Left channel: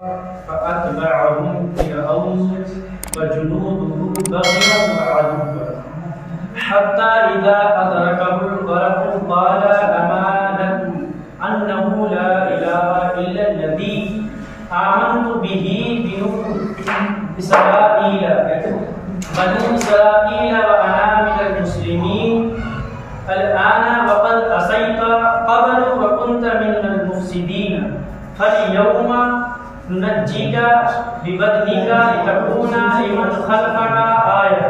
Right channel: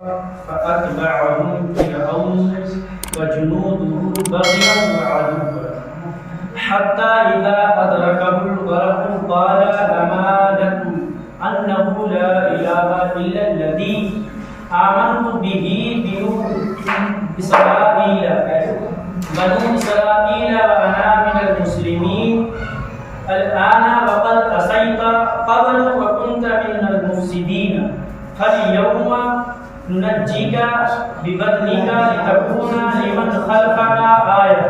فأتبعهم فرعون وجنوده بغيا وعدوا حتى إذا أدركه الغرق قال آمنت أنه لا إله إلا الذي آمنت به بنو إسرائيل وأنا من المسلمين الآن وقد عصيت قبل وكنت من المفسدين فاليوم ننجيك ببدنك لتكون لمن خلفك آية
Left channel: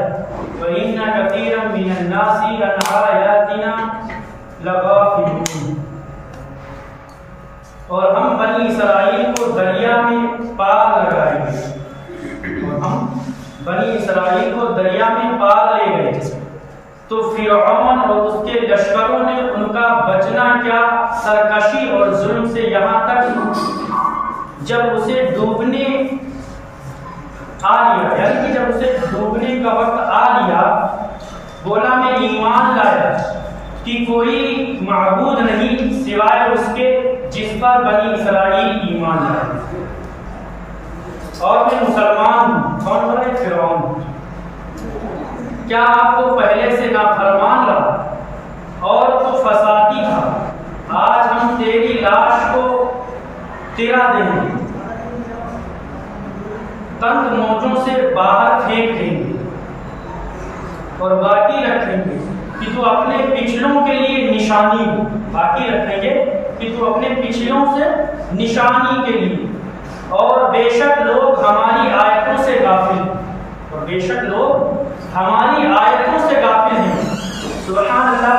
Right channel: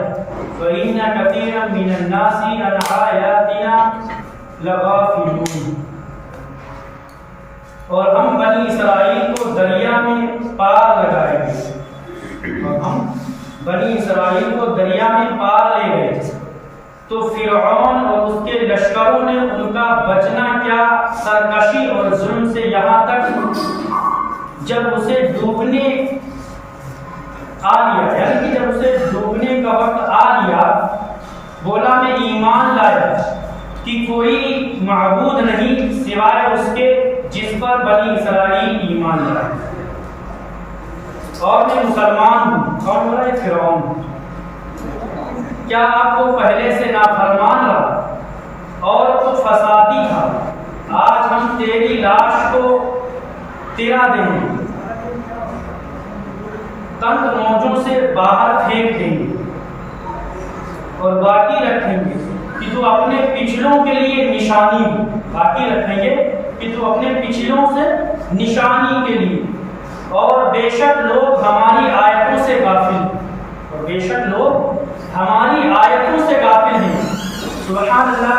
وإن كثيرا من الناس عن آياتنا لغافلون. اور ہم بنی اسرائیل کو دریا میں پار لگائے گئے اور ہم بنی اسرائیل کو دریا میں پار لے گئے تو فرعون اور اس کے لشکروں نے ان کا بچنا کیا سرکشی اور ظلم سے یہاں تک جب اسے ڈوبنے آ لیا، یعنی کہ جب اسے ڈوبنے کا وقت آ لیا بولا میں ایمان لایا کہ کوئی معبود نہیں سوائے اس کے جس پر بنی اسرائیل ایمان لائے اور میں مسلمان ہوں. کون بولا؟ یہ فرعون. کیا آپ کو پہلے سے نافرمان رہا اور تو فسادی تھا؟ آج ہم تیری لاش کو تیرا دیں گے، تند موجوں سے باہر پھینک دیں گے اور باقی رکھیں گے کہ تو اپنے پچھلوں کے لیے نشانی ہو. باقی رکھیں گے کہ تو اپنے پچھلوں سے نشانی کے لیے. اور بے شک لوگ ہماری آیتوں سے غافل ہیں، اور بے شک لوگ ہماری آیتوں سے غافل ہیں. سبحان اللہ،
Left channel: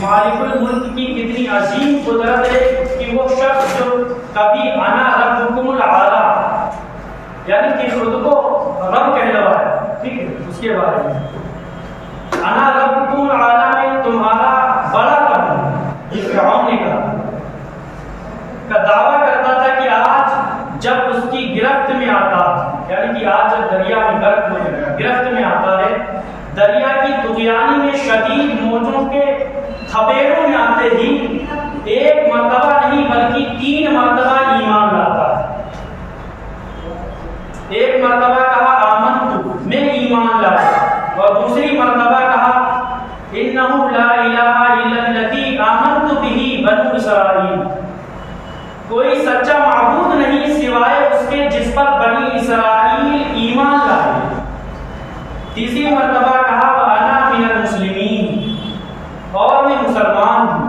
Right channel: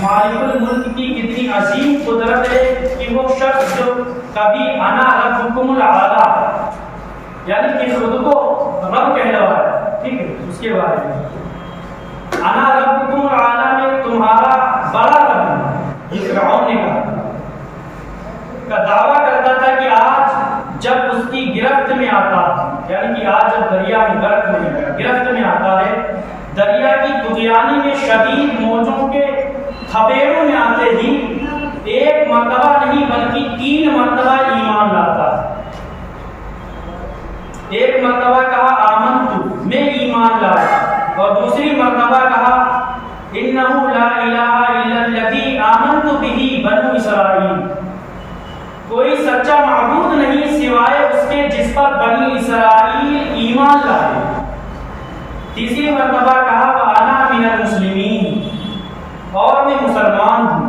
مالک الملک کی کتنی عظیم قدرت ہے کہ وہ شخص جو کبھی انا ربکم الاعلی یعنی کہ خود کو رب کہلوایا، ٹھیک ہے، اس کے بارے میں انا ربکم الاعلی میں تمہارا بڑا رب ہے، یہ فرعون نے کہا کا دعویٰ کرتا تھا کہ آج جب اس کی گرفت میں آتا، یعنی کہ آج جب دریا میں غرق ہو جائے گا، گرفت میں آتا ہے، دریا کی طغیانی میں شدید موجوں کے تھپیڑوں میں آتے ہی ایک مرتبہ نہیں بلکہ 3 مرتبہ ایمان لاتا ہے. ایک مرتبہ کہا آمنت، میں ایمان لایا، اور دوسری مرتبہ کہا انہ لا الہ الا الذی آمنت بہ بنو اسرائیل، کوئی سچا معبود نہیں سوائے اس کے جس پر بنی اسرائیل ایمان لائے. تیسری مرتبہ کہا وَأَنَا مِنَ الْمُسْلِمِينَ، اور میں مسلمان ہوں.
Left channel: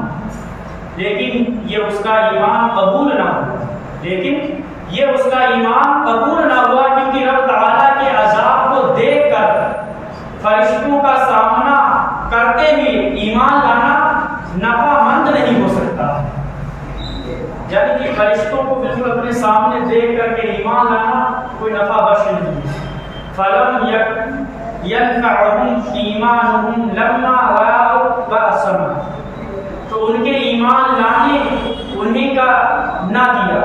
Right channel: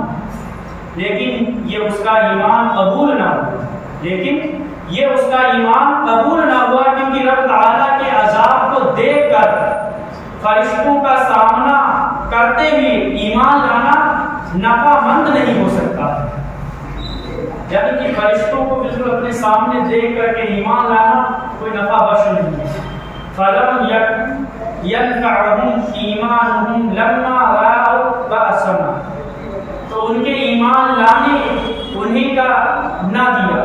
لیکن یہ اس کا ایمان قبول نہ ہوا، کیونکہ رب تعالیٰ کے عذاب کو دیکھ کر فرشتوں کا سامنا کرتے ہوئے ایمان لانا نفع مند نہیں ہو سکتا. یعنی کہ فرشتوں کو بالکل اپنے سامنے دیکھ کر کے ایمان لانا کوئی نفع بخش نہیں ہے. فَلَمْ يَنْفَعُهُمْ إِيمَانُهُمْ لَمَّا رَأَوْا بَأْسَنَا، تو ان کے ایمان لانے انہیں کا نہ دیا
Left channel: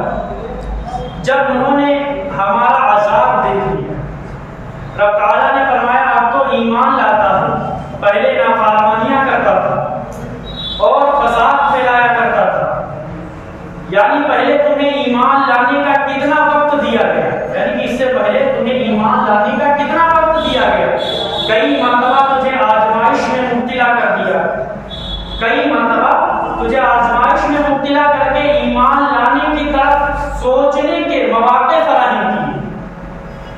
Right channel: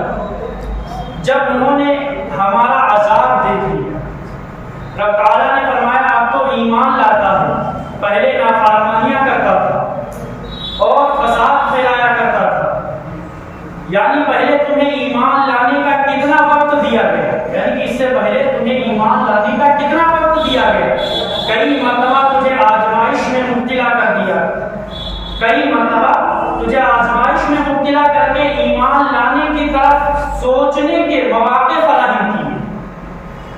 جب انہوں نے ہمارا عذاب دیکھ لیا. رب تعالیٰ نے فرمایا آپ تو ایمان لاتا ہے، پہلے نافرمانیاں کرتا تھا اور فساد پھیلایا کرتا تھا، یعنی پہلے تمہیں ایمان لانے کا کتنا وقت دیا گیا، یعنی کہ اس سے پہلے تمہیں ایمان لانے کا کتنا وقت دیا گیا. کئی مرتبہ تجھے آزمائش میں مبتلا کر دیا، کئی مرتبہ تجھے آزمائش میں مبتلا کر کے ایمان لانے کی طرف سوچنے کے مواقع فراہم کیے،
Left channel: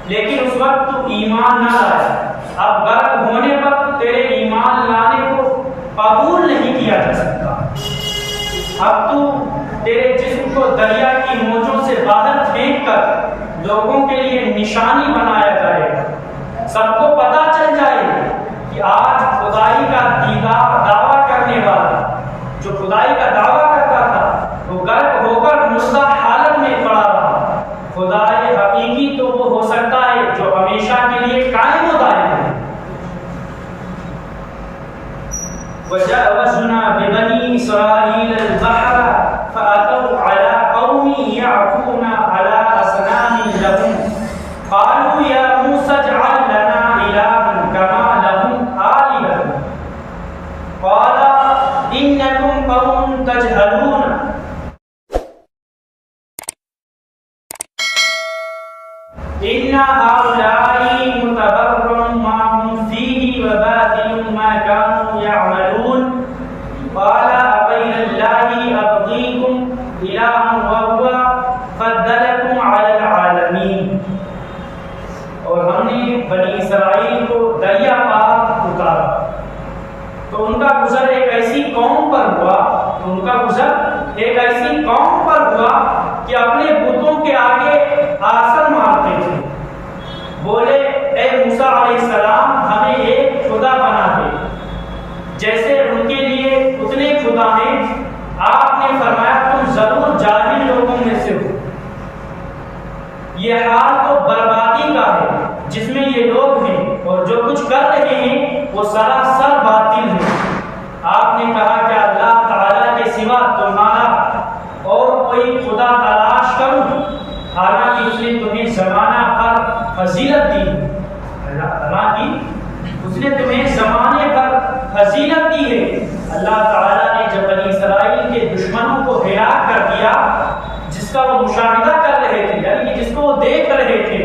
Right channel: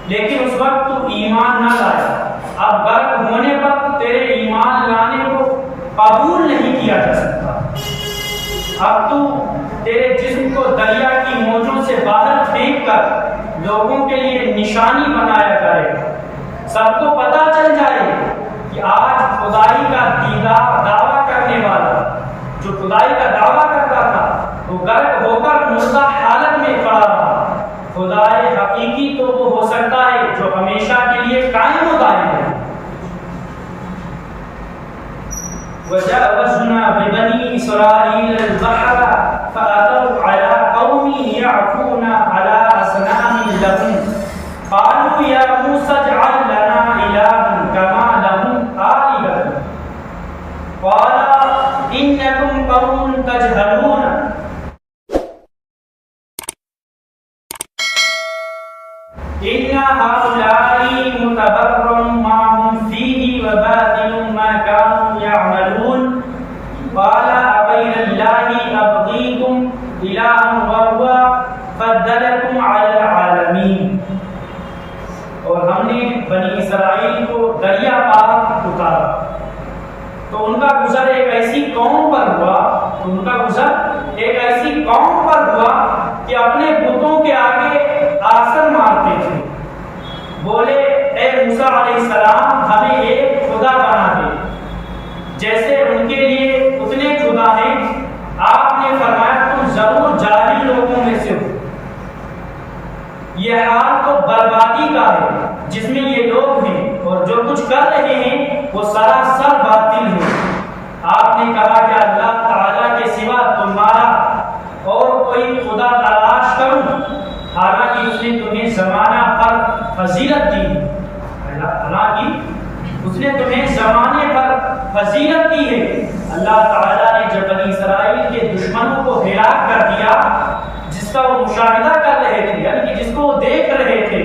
لیکن اس وقت تو ایمان نہ لایا. اب غرق ہونے پر تیرے ایمان لانے کو قبول نہیں کیا جا سکتا. اب تو تیرے جسم کو دریا کی موجوں سے باہر پھینک کر لوگوں کے لیے نشانی بنایا جائے گا. سب کو پتہ چل جائے کہ آج خدائی کا دعویٰ کرنے والا جو خدائی کا دعویٰ کرتا تھا وہ غرق ہو کر مردہ حالت میں پڑا رہا. خدائے حقیقی تو وہ ہو سکتا ہے جو ہمیشہ کے لیے قائم و دائم ہے. وَجَاوَزْنَا بِبَنِي إِسْرَائِيلَ الْبَحْرَ فَأَتَوْا عَلَىٰ قَوْمٍ يَعْكُفُونَ عَلَىٰ أَصْنَامٍ لَهُمْ قَالُوا يَا مُوسَى اجْعَل لَّنَا إِلَٰهًا كَمَا لَهُمْ آلِهَةٌ قَالَ إِنَّكُمْ قَوْمٌ تَجْهَلُونَ. ان هؤلاء متبر ما هم فيه وباطل ما كانوا يعملون قال أغير الله أبغيكم إلها وهو فضلكم على العالمين. اور ہم نے بنی اسرائیل کو دریا پار اتارا تو ان کا گزر ایک ایسی قوم پر ہوا کہ اپنے بتوں کے آگے آسن مارتے تھے. بولے اے موسیٰ علیہ السلام ہمیں ایک خدا بنا دے جیسے ان کے لیے اتنے خدا ہیں. آپ نے فرمایا تم ضرور جاہل لوگوں میں سے ہو. یہ حال تو بربادی کا ہے جس میں یہ لوگ ہیں اور جو کچھ کر رہے ہیں وہ سراسر باطل ہے. آپ نے کہا کہ اللہ تعالیٰ کے سوا تمہارا اور کوئی خدا تلاش کروں حالانکہ اس نے تمہیں زمانہ پر فضیلت دی. اس نے تمہیں زمانے پر فضیلت دی ہے. اللہ تعالیٰ نے جب بنی اسرائیل کے دشمنوں کو ہلاک کر دیا جس کا وہ مشاہدہ کر رہے تھے یعنی کہ جس کو وہ دیکھ رہے تھے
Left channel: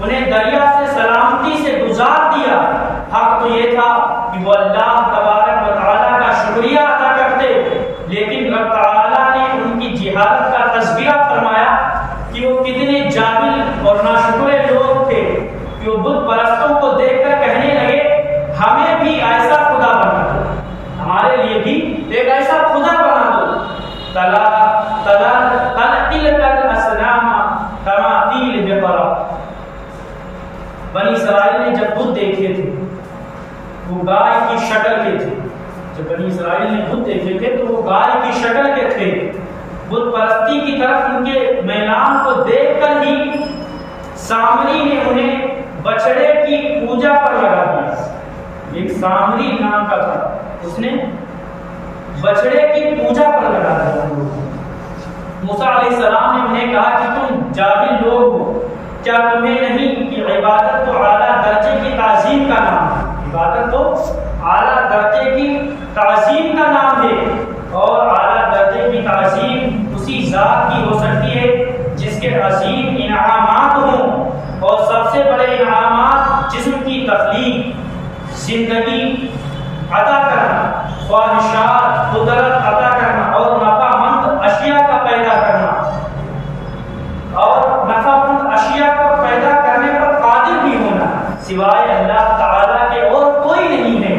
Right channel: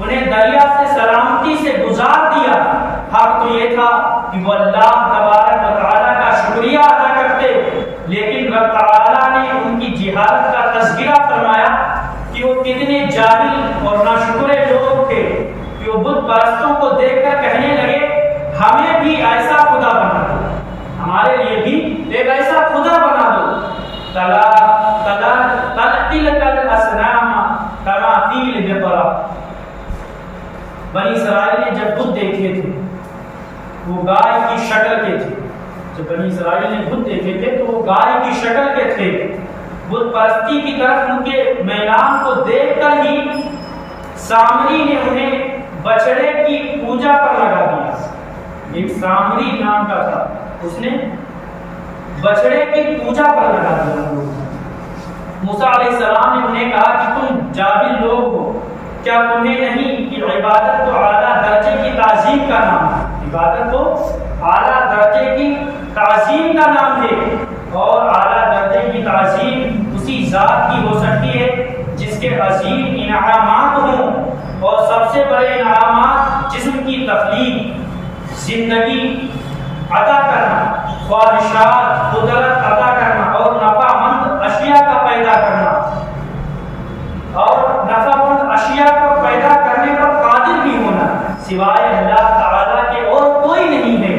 انہیں دریا سے سلامتی سے گزار دیا. حق تو یہ تھا کہ وہ اللہ تبارک و تعالیٰ کا شکریہ ادا کرتے لیکن رب تعالیٰ نے ان کی جہالت کا تذکرہ فرمایا کہ وہ کتنے جاہل اور ناشکرے لوگ تھے کہ وہ بت پرستوں کو دیکھ کر کہنے لگے ہمیں بھی ایسا خدا بنا دو, ہمارے لیے بھی ایک ایسا خدا بنا دو. بنی اسرائیل نے جب بت دیکھے تھے وہ گائے کی شکل کے تھے. جب بنی اسرائیل نے بت دیکھے تھے تو وہ گائے کی شکل کے تھے. بت پرستی کی طرف ان کے میلان کو دیکھ کر ہی سامری نے انہیں بچڑے کی پوجا پر لگا دیا. ایک سامری نام کا تھا, اس نے بچڑے کی پوجا پر لگا دیا. موسیٰ علیہ السلام نے انہیں کہا کہ تم جاہل لوگ ہو, کیا تمہیں نہیں کہ عبادت تو اعلیٰ درجے کی تعظیم کا نام ہے. عبادت تو اعلیٰ درجے کی تعظیم کا نام ہے اور اعلیٰ درجے کی تعظیم اسی ذات کی ہو سکتی ہے جس کے عظیم انعامات ہوں اور سب سے بڑے انعامات جسم کی تخلیق, زندگی عطا کرنا, خواہشات قدرت عطا کرنا اور نفع مند اشیاء کا پیدا کرنا اور نفع مند اشیاء کو پیدا کرنے پر قادر بھی ہونا سوائے اللہ تعالیٰ کے اور کوئی نہیں ہے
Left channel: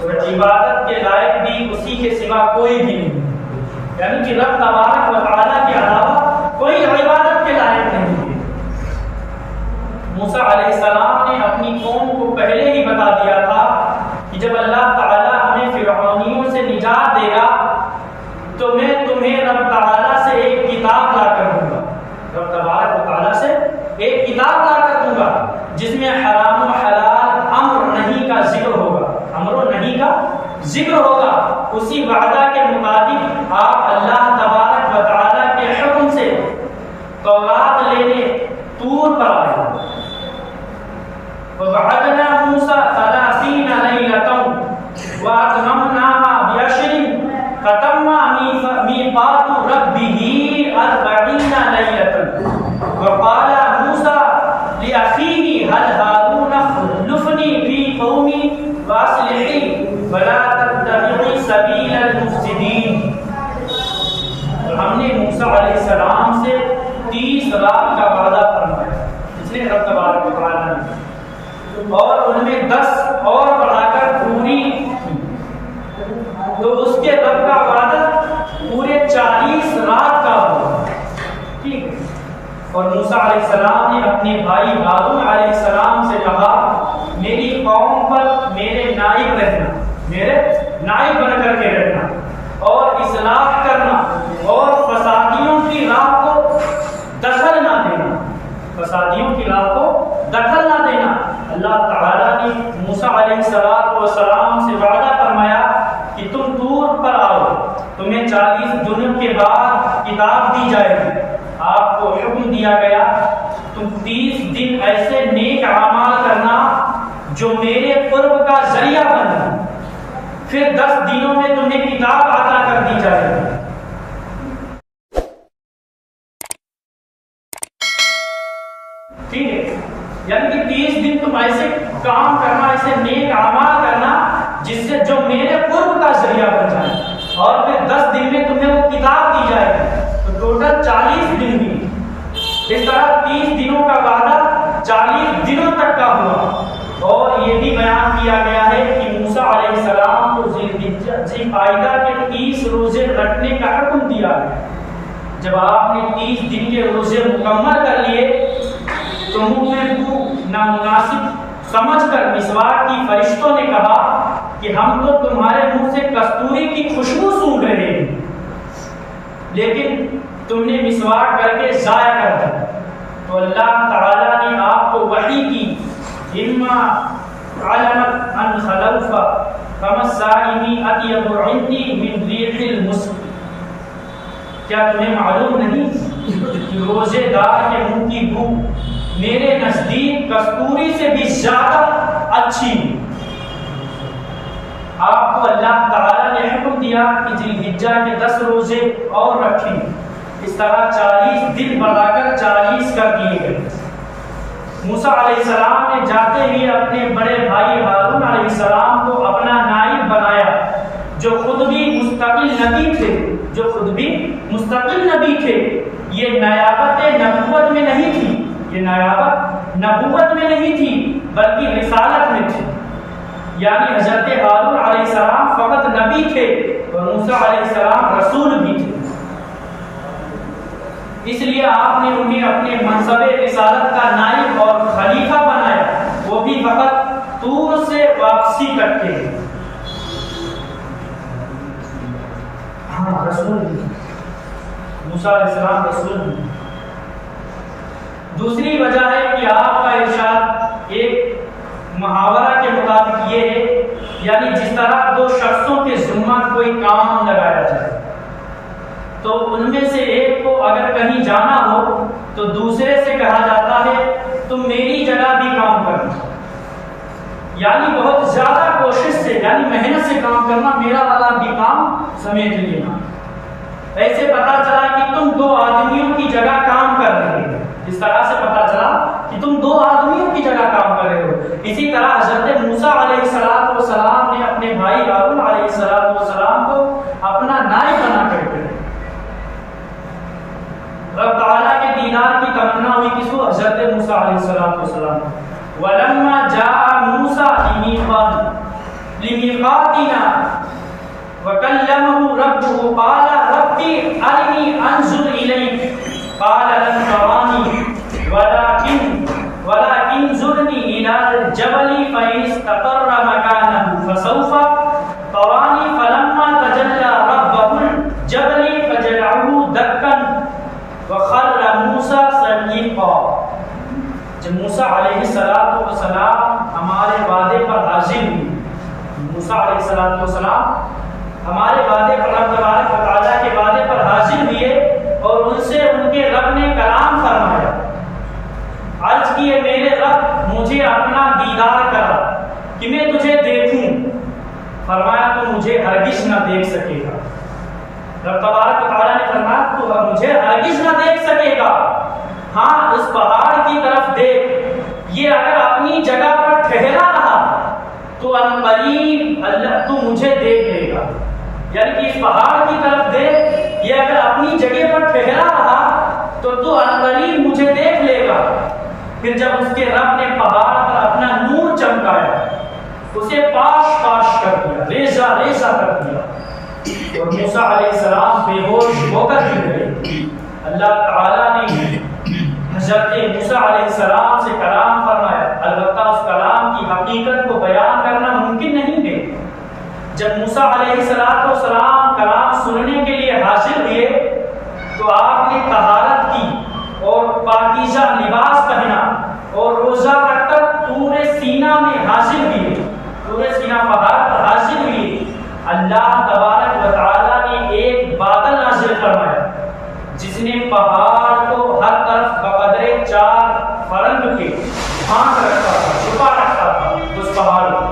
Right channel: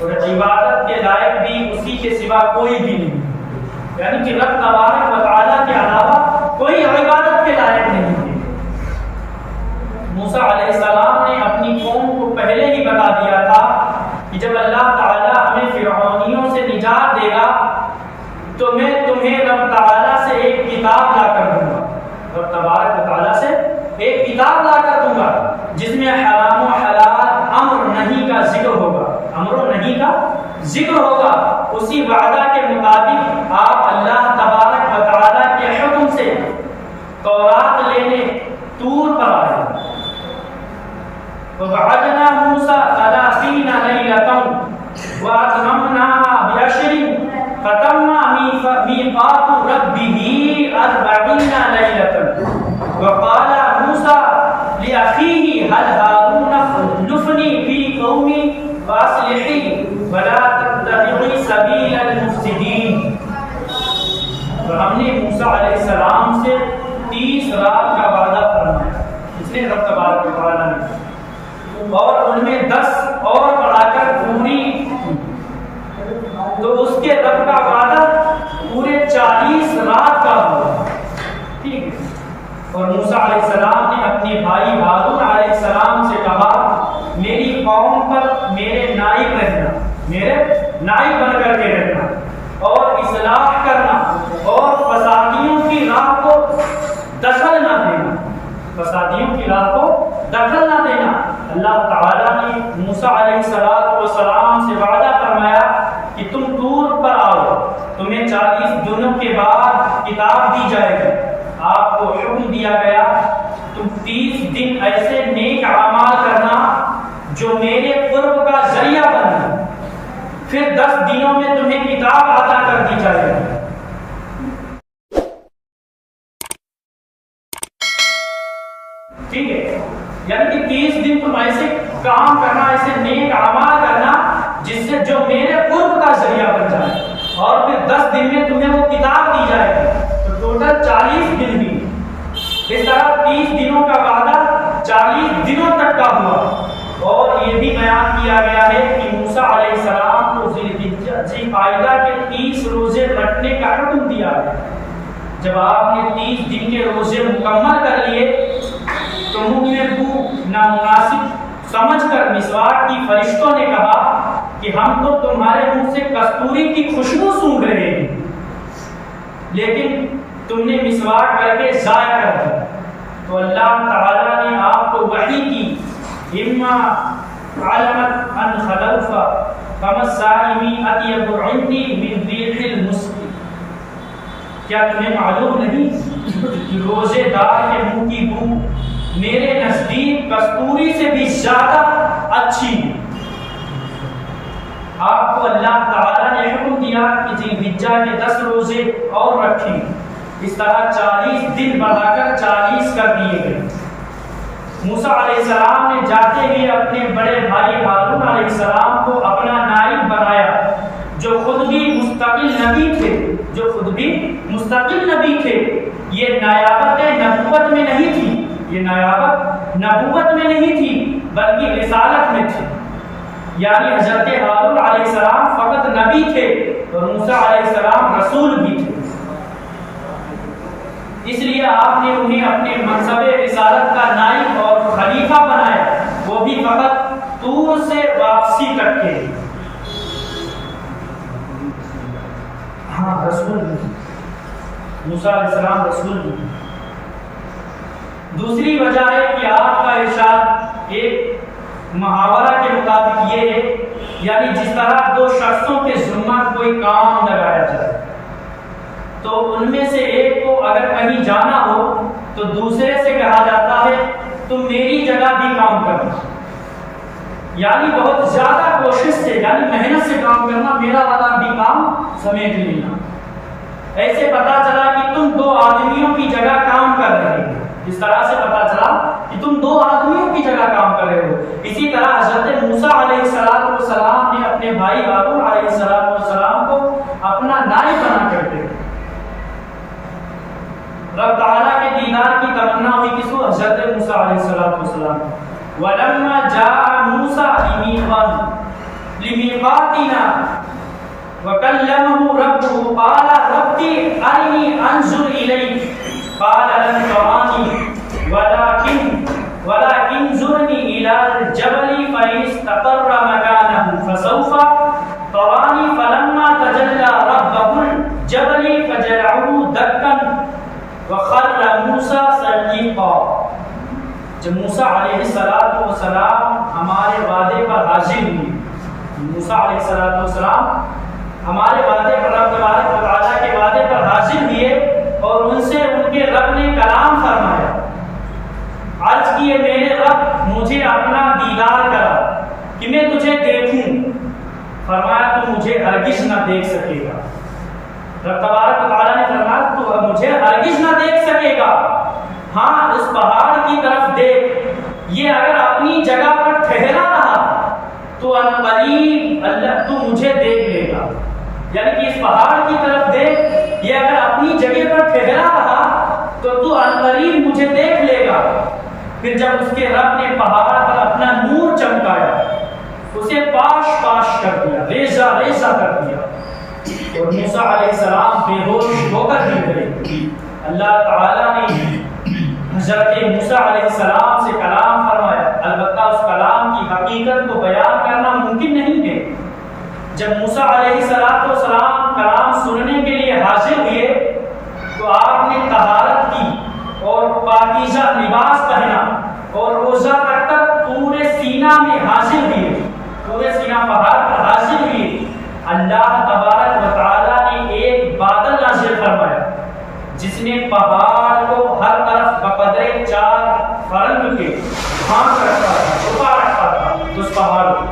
اور عبادت کے لائق بھی اسی کے سوا کوئی بھی نہیں. یعنی کہ رب تبارک و تعالیٰ کے علاوہ کوئی عبادت کے لائق نہیں ہے. موسیٰ علیہ السلام نے اپنی قوم کو پہلے ہی بتا دیا تھا کہ جب اللہ تعالیٰ ہمیں فرعونیوں سے نجات دے گا تو میں تمہیں رب تعالیٰ سے ایک کتاب لا کر دوں گا. رب تبارک و تعالیٰ سے ایک کتاب لا کر دوں گا جس میں حرام و حلال امر نہیں کا ذکر ہوگا, امر و نہیں کا ذکر ہوگا. اسی وعدہ کے مطابق آپ اللہ تبارک و تعالیٰ کے حکم سے تورات لینے طور پر آئے. وَوَعَدْنَا مُوسَىٰ 30 لَيْلَةً وَأَتْمَمْنَاهَا بِعَشْرٍ فَتَمَّ مِيقَاتُ رَبِّهِ 40 لَيْلَةً وَقَالَ مُوسَىٰ لِأَخِيهِ هَلْ هَارُونَ اخْلُفْنِي فِي قَوْمِي وَأَصْلِحْ لِي وَلَا تَتَّبِعْ سَبِيلَ الْمُفْسِدِينَ. اور ہم نے موسیٰ علیہ السلام سے 30 رات کا وعدہ فرمایا, اس نے رب تبارک و تعالیٰ نے, اور ان میں 10 اور بڑھا کر پوری تو اس کے رب کا وعدہ پورے 40 رات کا ہوا. ٹھیک ہے. اور موسیٰ علیہ السلام نے اپنے بھائی ہارون علیہ السلام سے کہا میری قوم پر میرے نائب رہنا, میرے نائب بن کر کے رہنا اور اصلاح کرنا اور فسادیوں کی راہ کو دخل نہ دینا, فسادیوں کی راہ کو دخل نہ دینا. اللہ تعالیٰ نے موسیٰ علیہ السلام سے وعدہ فرمایا کہ تم طور پر آؤ, تمہیں 40 دنوں کے بعد کتاب دی جائے گی. آپ کو حکم دیا گیا تم 30 دن ایسے نیک اعمال کرنا جو میرے قرب کا ذریعہ بنے, پھر 10 دنوں میں تمہیں کتاب عطا کر دی جائے گی. ٹھیک ہے. تم ایسے کام کرنا، ایسے نیک اعمال کرنا جس سے جو میرے قرب کا ذریعہ بن جائے، اور پھر 10 دن میں تمہیں وہ کتاب دی جائے گی، تو ٹوٹل 40 دن بھی، اس طرح 30 دنوں کا وعدہ 40 دنوں تک کا ہوا۔ اور یہ بھی بیان کیا گیا ہے کہ موسیٰ علیہ السلام کو ذی قعدہ کے 30 روزے رکھنے کا حکم دیا ہے۔ جب آپ نے 30 دن کے روزے مکمل کر لیے تو منہ میں بو نامناسب سمجھ کر مسواک کی فرشتوں نے کہا کہ ہم تو تمہارے منہ سے کستوری کی خوشبو سونگھ رہے ہیں، لیکن تم نے مسواک کر کے ضائع کر دیا۔ تو اللہ تعالیٰ نے آپ کو وحی کی، اما علمت ان خلوف فما الصائم اطیب عندی من ریح المسک، کیا تمہیں معلوم نہیں کہ روزے دار کے منہ کی بو میرے نزدیک کستوری سے بھی زیادہ اچھی ہے۔ آپ کو اللہ تعالیٰ نے حکم دیا کہ ذی الحجہ کے 10 روزے اور رکھیں، اس طرح 40 دن بڑھا کر 40 کر دیے گئے۔ موسیٰ علیہ السلام نے جاتے ہی اپنے بڑے بھائی ہارون علیہ السلام کو اپنا نائب بنایا، جو خود بھی مستقل نبی تھے۔ یہ نیابت نبوت میں نہیں تھی، بلکہ رسالت میں تھی، یعنی حضرت ہارون علیہ السلام فقط نبی تھے اور موسیٰ علیہ السلام رسول بھی تھے۔ اس لیے آپ نے انہیں اپنے منصب رسالت کا نائب اور خلیفہ بنایا، وہ بھی فقط طور سے واپسی تک کے۔ ہاں، رسول بھی، موسیٰ علیہ السلام رسول بھی۔ دوسری وجہ ہے کہ آپ کا ارشاد ایک محاورہ کے مطابق یہ ہے، یعنی جس طرح 2 شخصوں کے ذمہ کوئی کام لگایا جائے تو ان میں سے ایک کو اگر کہیں جانا ہو تو دوسرے سے کہا جاتا ہے تم میری جگہ بھی کام کرنا، یعنی بہت زیادہ کوشش سے، یعنی محنت سے کام کرنا، میرا والا بھی کام سمیٹ لینا۔ ایسے پتا چلا کہ تم 2 آدمیوں کی جگہ کام کر رہے ہو، اس طرح سے پتا چلا کہ تم 2 آدمیوں کی جگہ کام کر رہے ہو۔ اسی طرح حضرت موسیٰ علیہ السلام نے اپنے بھائی ہارون علیہ السلام کو اپنا نائب بنا کر کے رب تعالیٰ کے دیدار کی تمنا ہوئی کس کو؟ حضرت موسیٰ علیہ السلام۔ وَلَمَّا جَاءَ مُوسَىٰ لِمِيقَاتِنَا وَكَلَّمَهُ رَبُّهُ قَالَ رَبِّ أَرِنِي أَنظُرْ إِلَيْكَ قَالَ لَن تَرَانِي وَلَكِنْ انظُرْنِي إِلَى الْجَبَلِ فَإِنِ اسْتَقَرَّ مَكَانَهُ فَسَوْفَ تَرَانِي فَلَمَّا تَجَلَّىٰ رَبُّهُ الْجَبَلِ فَجَعَلَهُ دَكًّا وَخَرَّ مُوسَىٰ صَعِقًا۔ جب موسیٰ علیہ السلام ہمارے وعدے پر حاضر ہوئے، موسیٰ علیہ السلام ہمارے وعدے پر، رب تبارک و تعالیٰ کے وعدے پر حاضر ہوئے اور ان سے ان کے رب نے کلام فرمایا، عرض کیے میرے رب مجھے اپنا دیدار کرا کہ میں تجھے دیکھوں۔ فرمایا تو مجھے ہرگز نہ دیکھ سکے گا۔ رب تبارک و تعالیٰ نے فرمایا تو مجھے ہرگز نہ دیکھ سکے گا، ہاں اس پہاڑ کی طرف دیکھ، یہ اگر اپنی جگہ پر ٹھہرا رہا تو عنقریب اللہ تو مجھے دیکھ لے گا، یعنی کہ اس پہاڑ کی طرف دیکھ، یہ اگر اپنی جگہ پر ٹھہرا رہا تو عنقریب مجھے دیکھ لے گا۔ پھر جب اس کے رب نے پہاڑ پر اپنا نور چمکایا، اسے پاش پاش کر دیا، ریزہ ریزہ کر دیا، اور موسیٰ علیہ السلام بے ہوش ہو کر گر گئے۔ اللہ تعالیٰ نے حضرت موسیٰ علیہ السلام سے کلام فرمایا، البتہ اس کلام کی حقیقت کو بیان کرنا ممکن نہیں ہے۔ جب موسیٰ علیہ السلام کلام سننے کے لیے حاضر ہوئے تو آپ نے طہارت کی اور پاکیزہ لباس پہنا اور روزہ رکھ کر طور سینا میں حاضر ہوئے، طور سینا پہاڑ پر حاضر ہوئے۔ اللہ تبارک و تعالیٰ نے ایک بادل نازل فرمایا جس نے پہاڑ کو ہر طرف بقدر 4 فرنگ کے ڈھانک رکھا تھا، چھپا رکھا تھا اس پہاڑ کو۔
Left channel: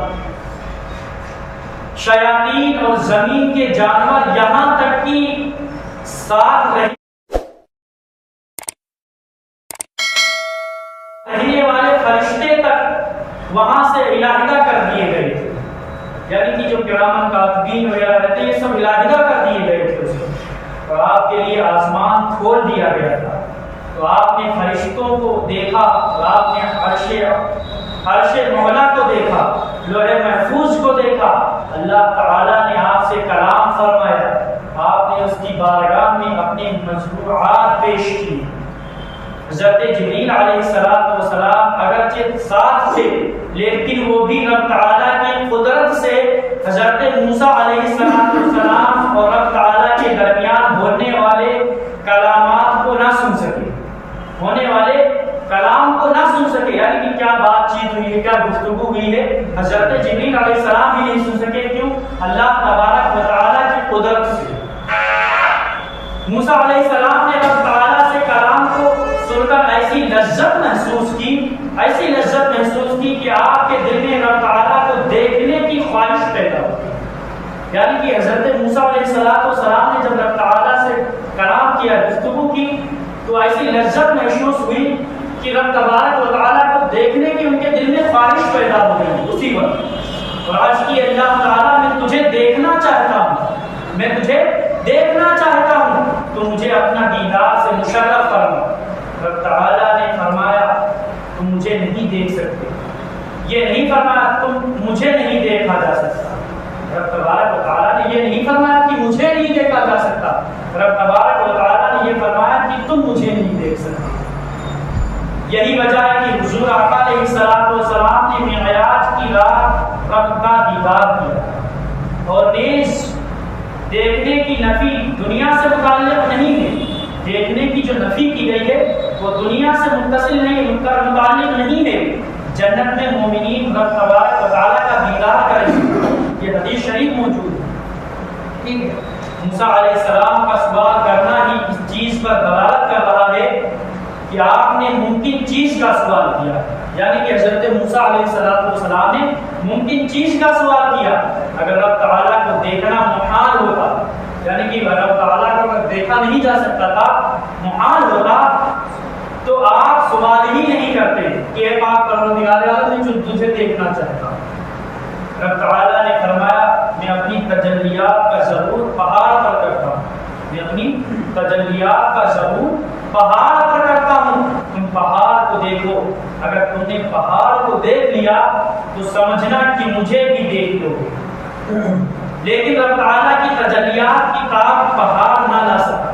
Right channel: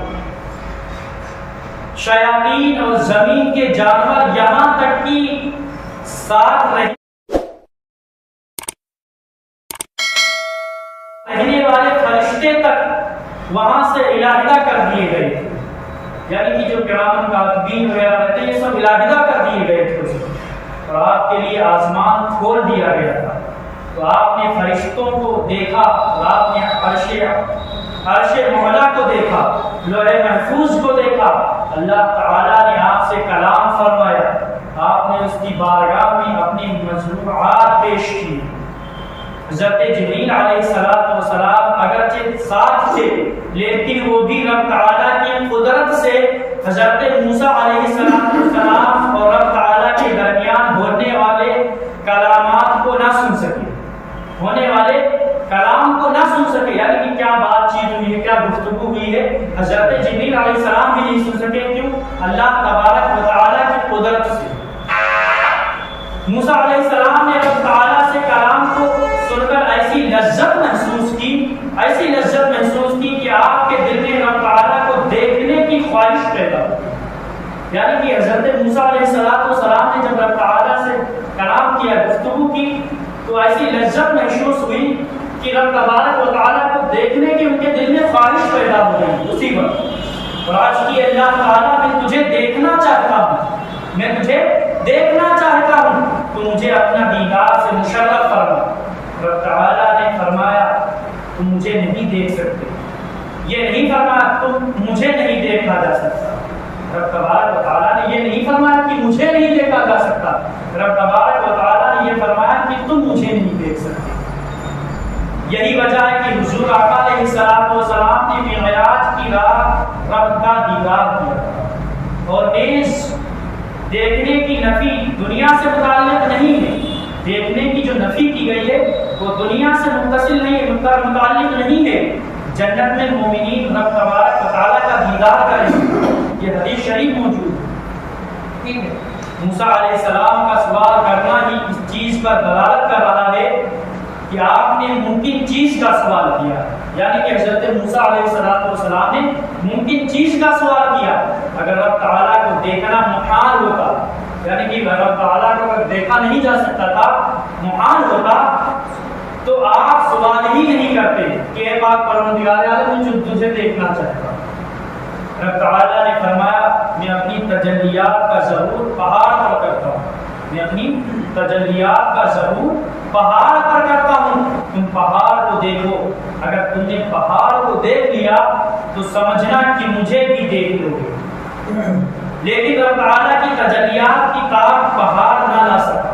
شیاطین اور زمین کے جانور یہاں تک کہ ساتھ رہنے والے فرشتے تک وہاں سے علیحدہ کر دیے گئے تھے، یعنی کہ جو کرامن کاتبین وغیرہ رہتے ہیں یہ سب علیحدہ کر دیے گئے تھے اس میں، اور آپ کے لیے آسمان کھول دیا گیا تھا۔ تو آپ نے فرشتوں کو دیکھا، اور آپ نے عرش مولا کو دیکھا، لوح محفوظ کو دیکھا۔ اللہ تعالیٰ نے آپ سے کلام فرمایا، آپ نے اس کی بارگاہ میں اپنی مشروعات پیش کی۔ حضرت جبریل علیہ السلام اگرچہ ساتھ تھے، لیکن وہ بھی رب تعالیٰ کی قدرت سے حضرت موسیٰ علیہ السلام اور رب تعالیٰ کے درمیان ہونے والے کلامات کو نہ سن سکے، ہونے والے کلام کو نہ سن سکے، یعنی کہ کیا بات چیت ہوئی ہے، کیا گفتگو ہوئی ہے، حضرت جبریل علیہ السلام بھی نہیں سن سکے۔ کیوں؟ اللہ تبارک و تعالیٰ کی قدرت سے۔ موسیٰ علیہ السلام نے رب تعالیٰ سے کلام کو سن کر ایسی لذت محسوس کی کہ آپ کے دل میں رب تعالیٰ کو دیکھنے کی خواہش پیدا ہوئی، یعنی کہ حضرت موسیٰ علیہ السلام نے جب رب تعالیٰ سے کلام کیا، گفتگو کی، تو ایسی لذت محسوس ہوئی کہ رب تبارک و تعالیٰ کو دیکھنے کی ان کے دل میں خواہش پیدا ہو گئی اسی وقت۔ اور آج کی اللہ تعالیٰ میں تجھے دیکھنا چاہتا ہوں، میں تجھے دیکھنا چاہتا ہوں، تو مجھے اپنا دیدار سے مشرف فرما۔ رب تعالیٰ نے فرمایا تم مجھے نہیں دیکھ سکتے، یہ نہیں فرمایا تم مجھے نہیں دیکھا جا سکتا۔ رب تبارک و تعالیٰ نے یہ نہیں فرمایا کہ مجھے نہیں دیکھا جا سکتا، رب تبارک و تعالیٰ نے یہ فرمایا کہ تم مجھے نہیں دیکھ سکتے۔ یہی وجہ ہے کہ حضور آقا علیہ السلام نے معراج کی رات رب کا دیدار کیا، اور نیز دیکھنے کی نفی دنیا سے متعلق نہیں ہے، دیکھنے کی جو نفی کی گئی ہے وہ دنیا سے متصل نہیں ہے، متعلق نہیں ہے۔ جنت میں مومنین رب تبارک و تعالیٰ کا دیدار کریں گے، یہ حدیث شریف موجود ہے، ٹھیک ہے۔ موسیٰ علیہ السلام کا سوال کرنا ہی اس چیز پر دلالت کر رہا ہے کہ آپ نے ممکن چیز کا سوال کیا، یعنی کہ حضرت موسیٰ علیہ السلام نے ممکن چیز کا سوال کیا۔ اگر رب تعالیٰ کو دیکھنا محال ہوتا، یعنی کہ رب تعالیٰ کو اگر دیکھا نہیں جا سکتا تھا، محال ہوتا، تو آپ سوال ہی نہیں کرتے کہ اے پاک پروردگار عالم جو تجھے دیکھنا چاہتا۔ رب تعالیٰ نے فرمایا میں اپنی تجلیات کا ظہور پہاڑ پر کرتا ہوں، میں اپنی تجلیات کا ظہور پہاڑ پر کرتا ہوں، تم پہاڑ کو دیکھو، اگر تم نے پہاڑ کو دیکھ لیا تو سمجھنا کہ مجھے بھی دیکھ لو گے۔ لیکن رب تعالیٰ کی تجلیات کی طاقت پہاڑ نہ لا سکا،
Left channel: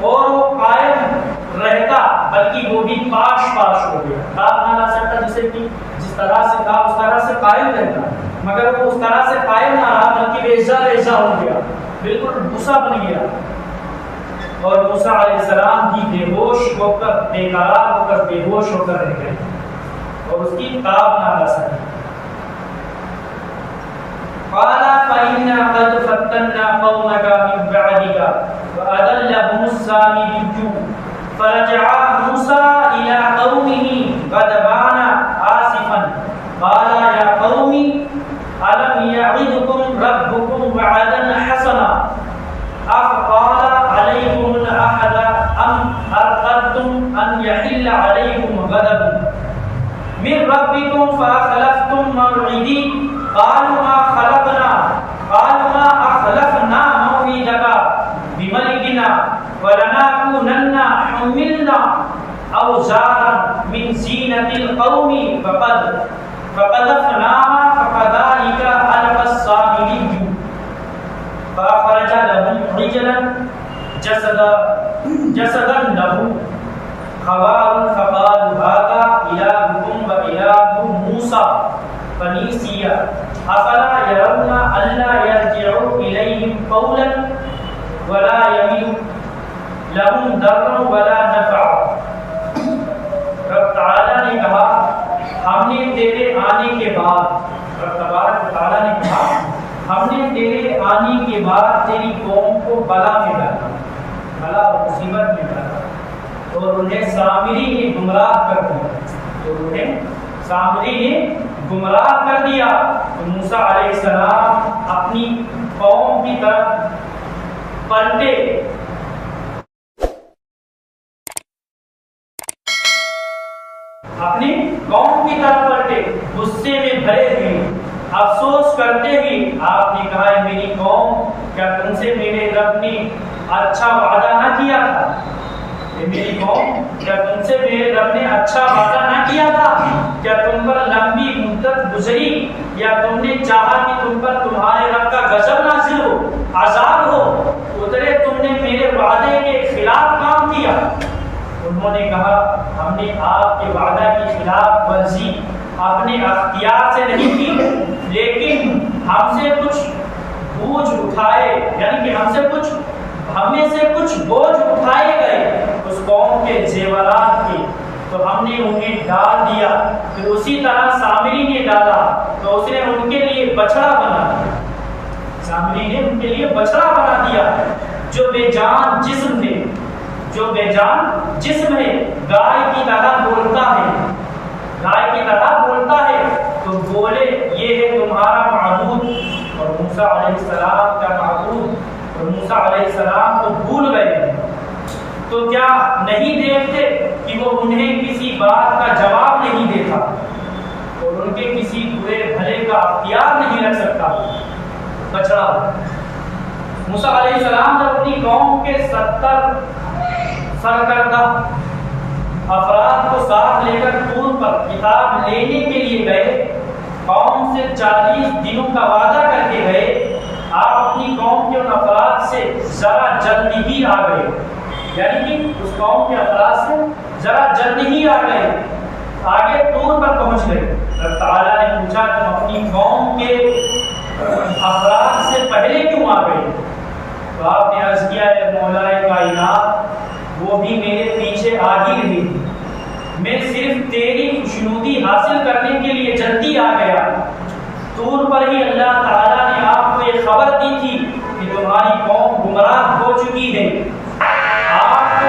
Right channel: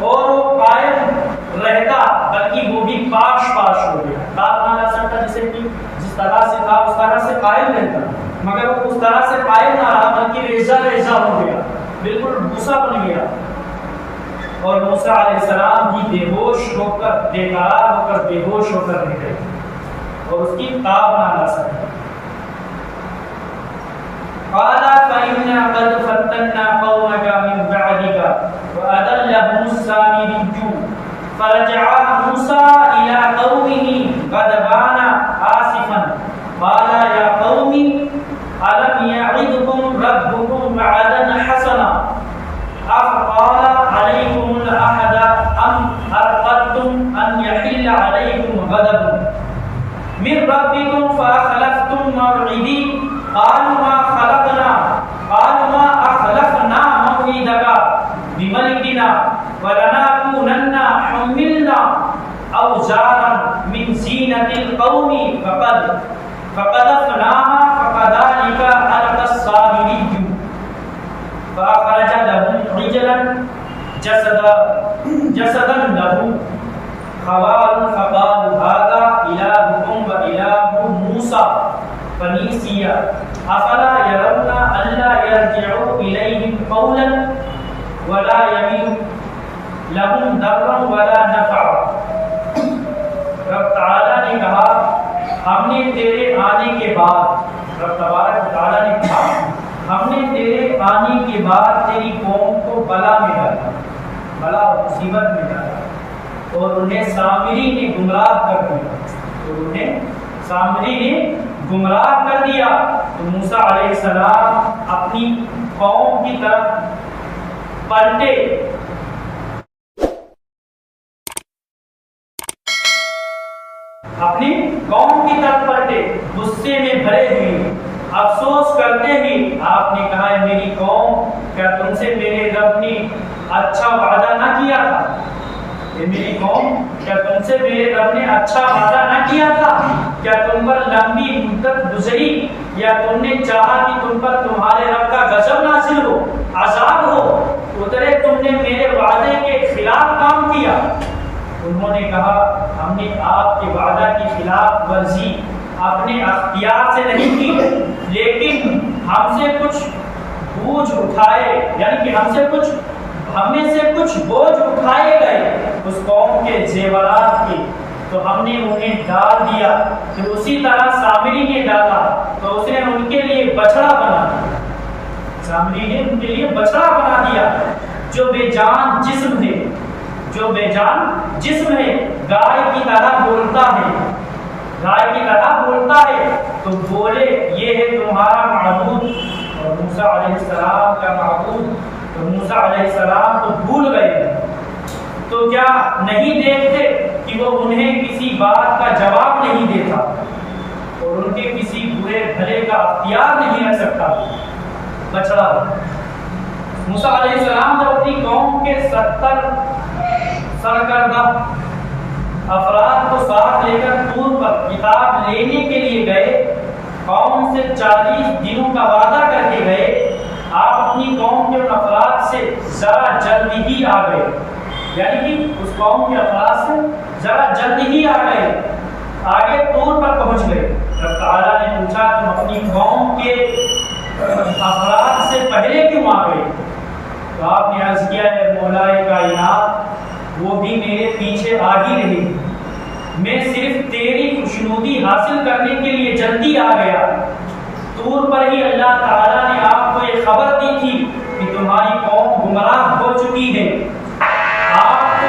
اور وہ قائم رہتا بلکہ وہ بھی پاش ہو گیا، طاقت نہ لا سکتا، جسے کہ جس طرح سے تھا اس طرح سے قائم رہتا، مگر وہ اس طرح سے قائم نہ رہا بلکہ ریزہ ہو گیا، بالکل بھوسا بن گیا۔ اور موسیٰ علیہ السلام بھی بے ہوش ہو کر، بے قرار ہو کر، بے ہوش ہو کر رہ گئے اور اس کی تاب نہ لا سکے۔ قال فإنا قد فتنا قومك من بعدك وأضلهم السامري فرجع موسى إلى قومه غضبان آسفا قال يا قوم ألم يعدكم ربكم وعدا حسنا أفطال عليكم العهد أم أردتم أن يحل عليكم غضب من ربكم فأخلفتم موعدي قالوا ما أخلفنا موعدك بملكنا ولنكونن حملنا أوزارا من زينة القوم فقذفناها فكذلك ألقى السامري فأخرج لهم عجلا جسدا له خوار فقالوا هذا إلهكم وإله موسى فنسي أفلا يرون ألا يرجع إليهم قولا ولا يمين لهم ضرا ولا نفع۔ رب تعالیٰ نے کہا ہم نے تیرے آنے کے بعد، رب تبارک و تعالیٰ نے کہا ہم نے تیرے آنے کے بعد تیری قوم کو بلا میں ڈالا، بلا اور مصیبت میں ڈالا، اور انہیں سامری نے گمراہ کر دیا، گمراہ کر دیا۔ تو موسیٰ علیہ السلام اپنی قوم کی طرف پلٹے، اپنی قوم کی طرف پلٹے غصے میں بھرے ہوئے افسوس کرتے ہوئے آپ نے کہا ہے میری قوم کیا تم سے میرے رب نے اچھا وعدہ نہ کیا تھا؟ میری قوم کیا تم سے میرے رب نے اچھا وعدہ نہ کیا تھا؟ کیا تم پر لمبی مدت گزری یا تم نے چاہا کہ تم پر تمہارے رب کا غضب نازل ہو، عذاب ہو اترے، تم نے میرے وعدے کے خلاف کام کیا؟ انہوں نے کہا ہم نے آپ کے وعدہ کی خلاف ورزی اپنے اختیار سے نہیں کی، لیکن ہم سے کچھ بوجھ اٹھائے، یعنی کہ ہم میں سے کچھ بوجھ اٹھائے گئے اس قوم کے زیورات کے، تو ہم نے انہیں ڈال دیا، پھر اسی طرح سامری نے ڈالا تو اس نے ان کے لیے بچڑا بنا دیا، سامری نے ان کے لیے بچڑا بنا دیا جو بے جان جسم ہے، جو بے جان جسم ہے، گائے کی طرح بولتا ہے، گائے کی طرح بولتا ہے، تو بولے یہ ہے تمہارا معبود، اور موسیٰ علیہ السلام کا معبود، تو موسیٰ علیہ السلام تو بھول گئے، تو کیا نہیں دیکھتے کہ وہ انہیں کسی بات کا جواب نہیں دیتا اور ان کے کسی برے بھلے کا اختیار نہیں رکھ سکتا؟ بچڑا موسیٰ علیہ السلام جب اپنی قوم کے 70 سرکردہ افراد کو ساتھ لے کر طور پر کتاب لینے کے لیے گئے، قوم سے 40 دنوں کا وعدہ کر کے گئے، آپ اپنی قوم کے ان افراد سے ذرا جلدی ہی آ گئے، یعنی کہ اس قوم کے افراد سے ذرا جلدی ہی آ گئے، آگے طور پر پہنچ گئے۔ رب تعالیٰ نے پوچھا تم اپنی قوم کے افراد سے پہلے کیوں آ گئے؟ تو آپ نے عرض کیا ہے مولائے کائنات وہ بھی میرے پیچھے آ ہی رہی، میں صرف تیری خوشنودی حاصل کرنے کے لیے جلدی آ گیا۔ طور پر ہی اللہ تعالیٰ نے آپ کو یہ خبر دی تھی کہ تمہاری قوم گمراہ ہو چکی ہے، آپ کو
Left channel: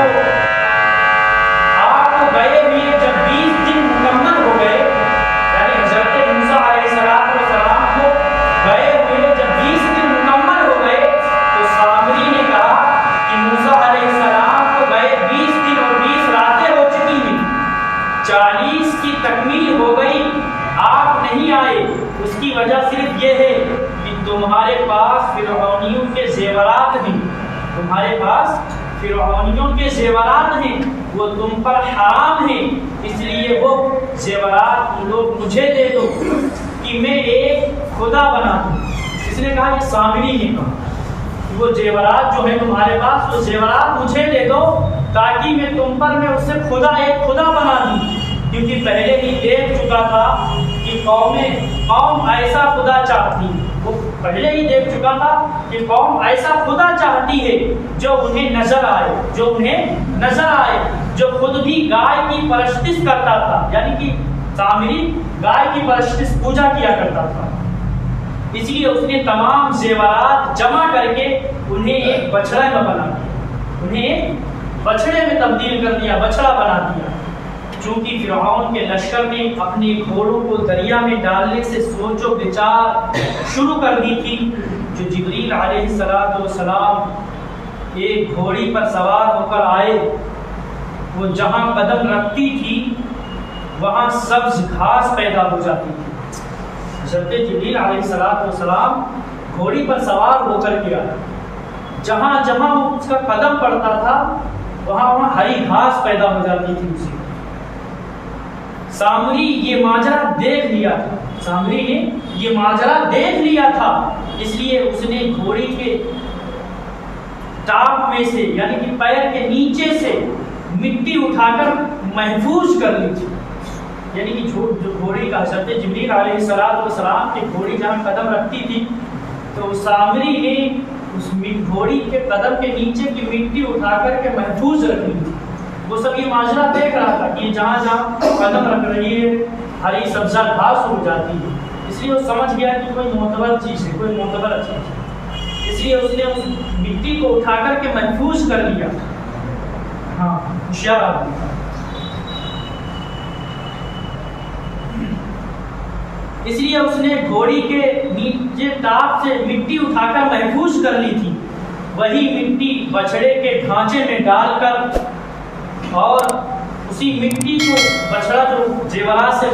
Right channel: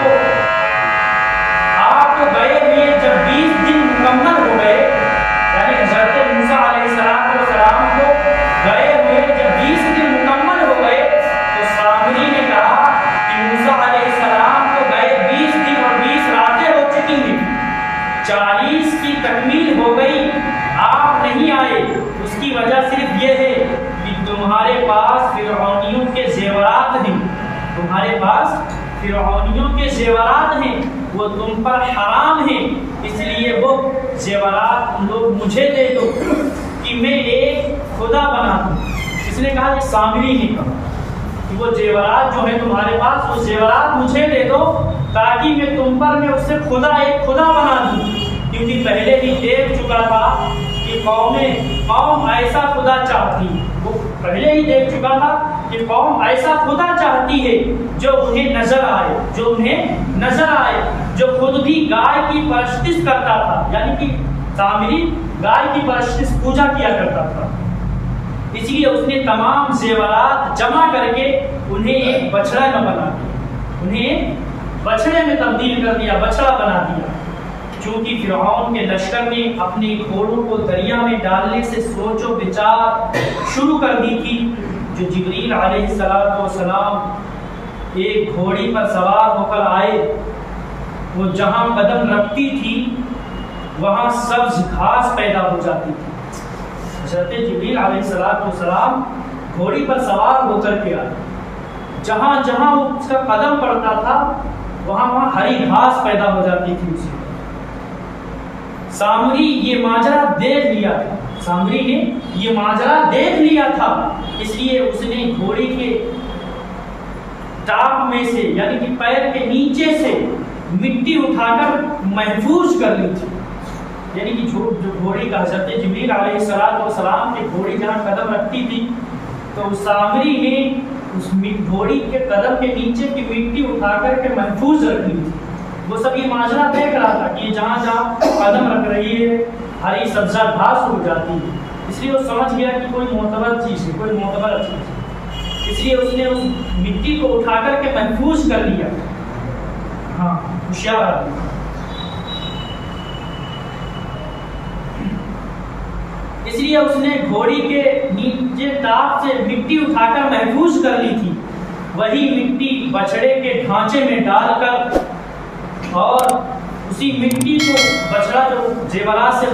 گئے ہوئے جب 20 دن مکمل ہو گئے، یعنی حضرت موسیٰ علیہ السلام کو گئے ہوئے جب 20 دن مکمل ہو گئے تو سامری نے کہا کہ موسیٰ علیہ السلام کو گئے 20 دن اور 20 راتیں ہو چکی ہیں، 40 کی تکمیل ہو گئی، آپ نہیں آئے، اس کی وجہ صرف یہ ہے کہ تمہارے پاس فرعونیوں کے زیورات ہیں، تمہارے پاس فرعونیوں کے زیورات ہیں، وہ تم پر حرام ہیں، اس لیے وہ زیورات تم لوگ مجھے دے دو کہ میں ایک خدا بنا دوں۔ اس نے کہا یہ سامری نے کہا کہ وہ زیورات جو ہیں تمہارے پاس وہ زیورات مجھے دے دو تاکہ میں تم پر میں اس سے ایک خدا بنا دوں، کیونکہ پہلے ہی دیکھ چکا تھا کہ قوم ایسا خدا چاہتی ہے، وہ پہلے ہی دیکھ چکا تھا کہ قوم ایسا خدا چاہتی ہے جو انہیں نظر آئے، جو خود بھی گائے کی پرستش کرتا تھا، یعنی کہ سامری گائے کی پرستش پوجا کیا کرتا تھا، اس لیے اس نے تمام زیورات جمع کر کے انہیں ایک بچڑا میں بنا دیا، انہیں ایک بچڑے میں تبدیل کر دیا، بچڑا بنا دیا۔ چونکہ فرعون کے لشکر نے اپنے گھوڑوں کو دریا میں ڈالنے سے سوچ و بچار شروع کر دی تھی، جو جبریل علیہ السلام ایک گھوڑی پر سوار ہو کر آئے، وہ جہاں قدم رکھتی تھی وہاں سبز گھاس پیدا ہو جاتی تھی۔ حضرت جبریل علیہ السلام گھوڑی پر سوار ہو کر کے آئے، جہاں جہاں وہ اس کا قدم پڑتا تھا وہاں ہری گھاس پیدا ہو جاتی تھی اسی۔ سامری یہ ماجرا دیکھ لیا تھا، سامری نے یہ ماجرا دیکھ لیا تھا، اس لیے اس نے گھوڑی کے ٹاپ میں سے یعنی کہ پیر کے نیچے سے مٹی اٹھا کر محفوظ کر لی تھی، یعنی کہ جو گھوڑی کا حضرت جبریل علیہ السلام کی گھوڑی جہاں قدم رکھتی تھی تو سامری نے اس گھوڑی کے قدم کے نیچے کی مٹی اٹھا کر کے محفوظ رکھ لی تھی۔ وہ سب یہ ماجرا دیکھ رہا تھا کہ جہاں جہاں قدم رکھ رہی ہے ہری سبزہ گھاس ہو جاتی ہے، اس لیے وہ سمجھ گیا کہ کوئی معتبر چیز ہے، کوئی معتبر چیز ہے، اس لیے اس نے اس مٹی کو اٹھا کر کے محفوظ کر لیا۔ ہاں ہوشیار آدمی تھا، اس لیے اس نے گھوڑی کے نیچے ٹاپ سے مٹی اٹھا کر محفوظ کر لی تھی، وہی مٹی بچڑے کے ڈھانچے میں ڈال کر اور اسی مٹی کو بچڑا جو زیورات سے